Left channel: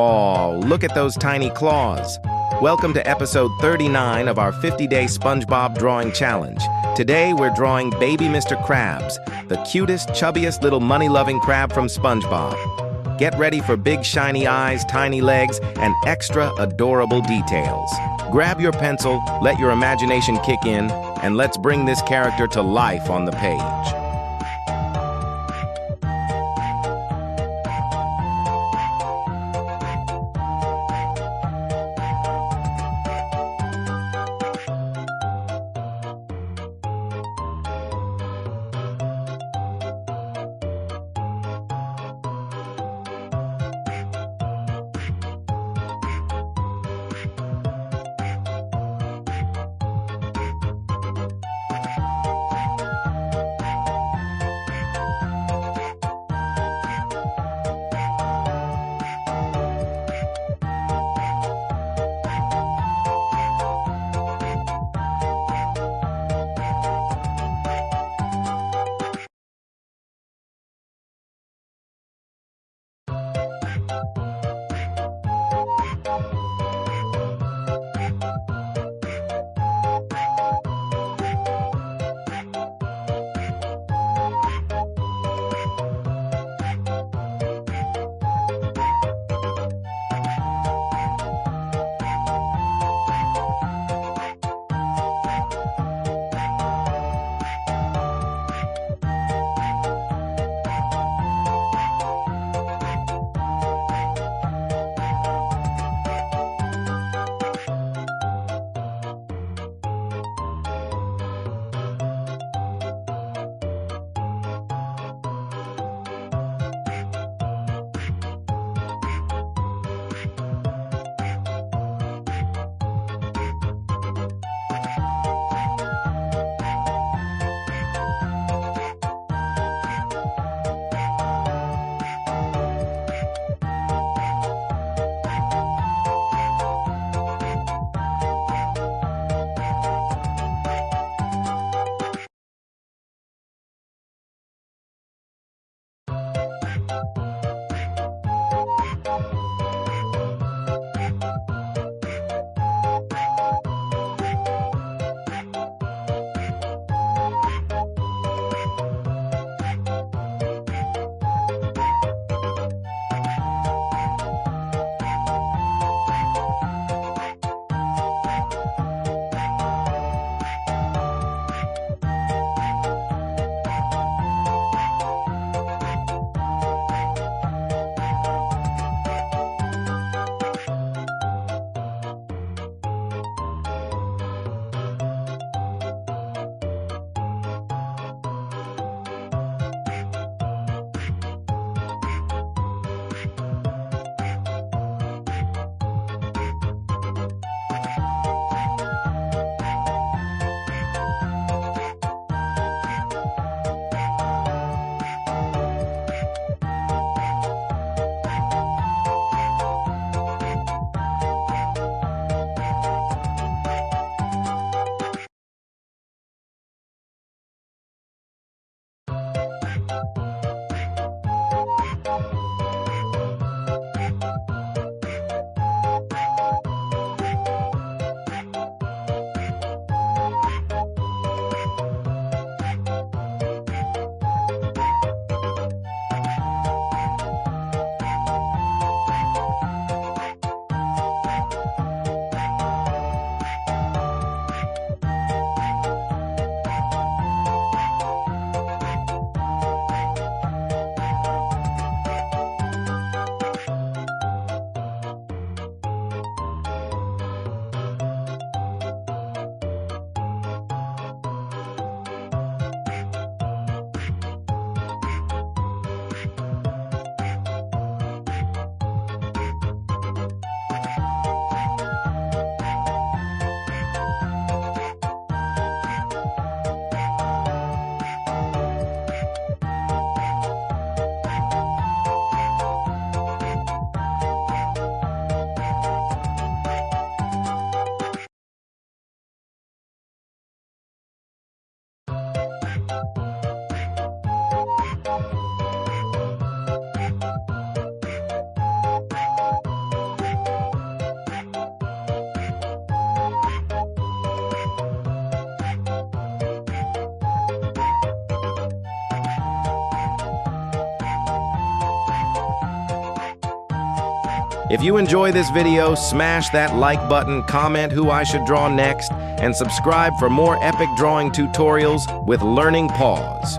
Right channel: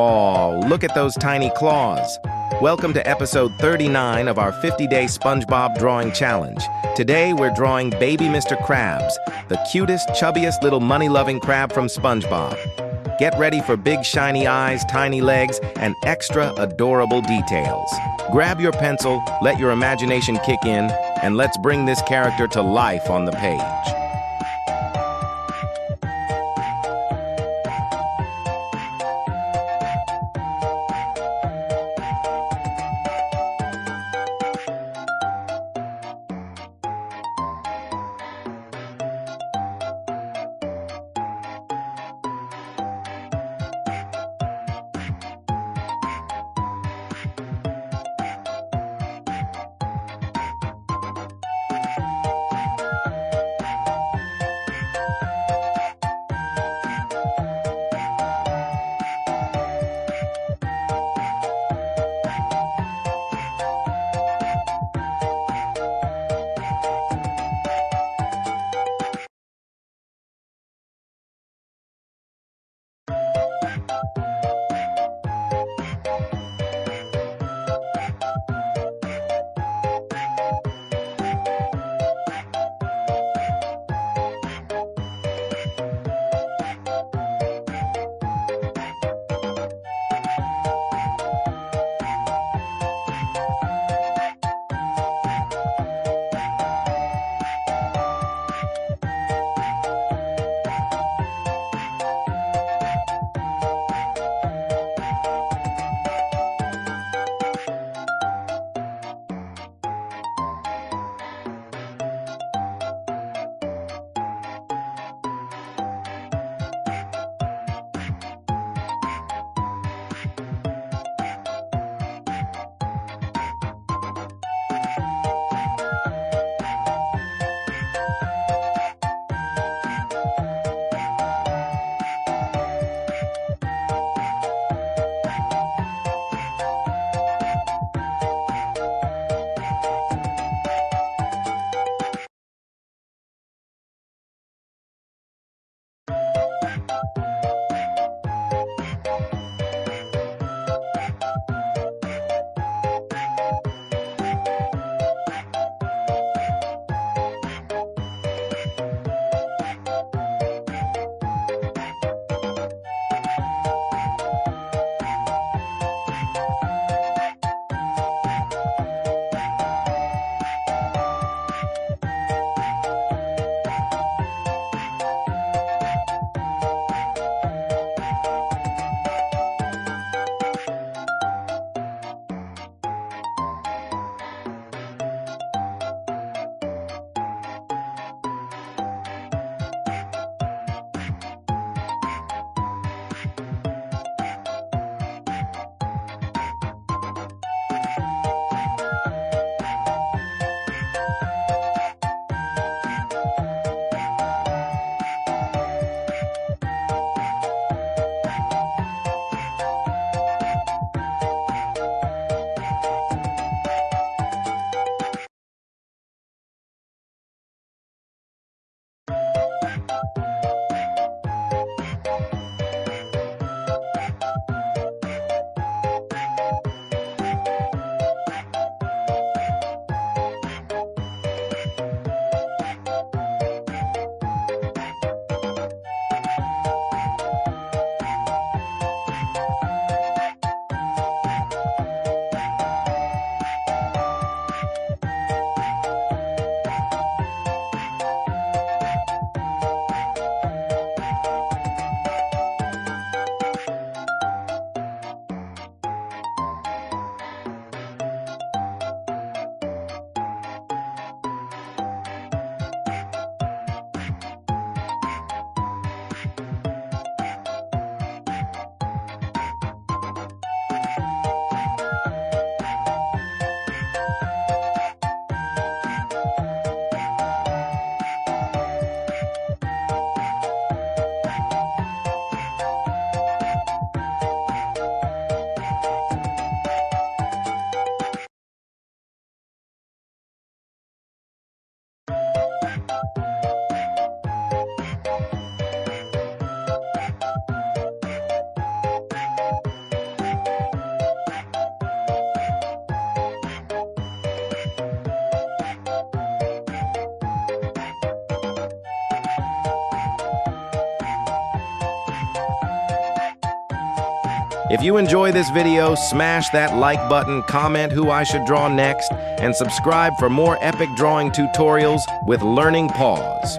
Oh, look at those tiny claws. Welcome to episode 39 of our 50-day SpongeBob drawing challenge. Today we're drawing Baby Mr. Krabs, the cutest, chubbiest little money-loving crab from SpongeBob. Get ready for big shiny eyes, tiny legs, and extra adorable details. Grab your pencil, let your imagination kick in, and let's bring this character to life on the page. If you enjoy this video, smash that like button, comment who I should draw next, and subscribe for more epic drawing tutorials with Learning Paws.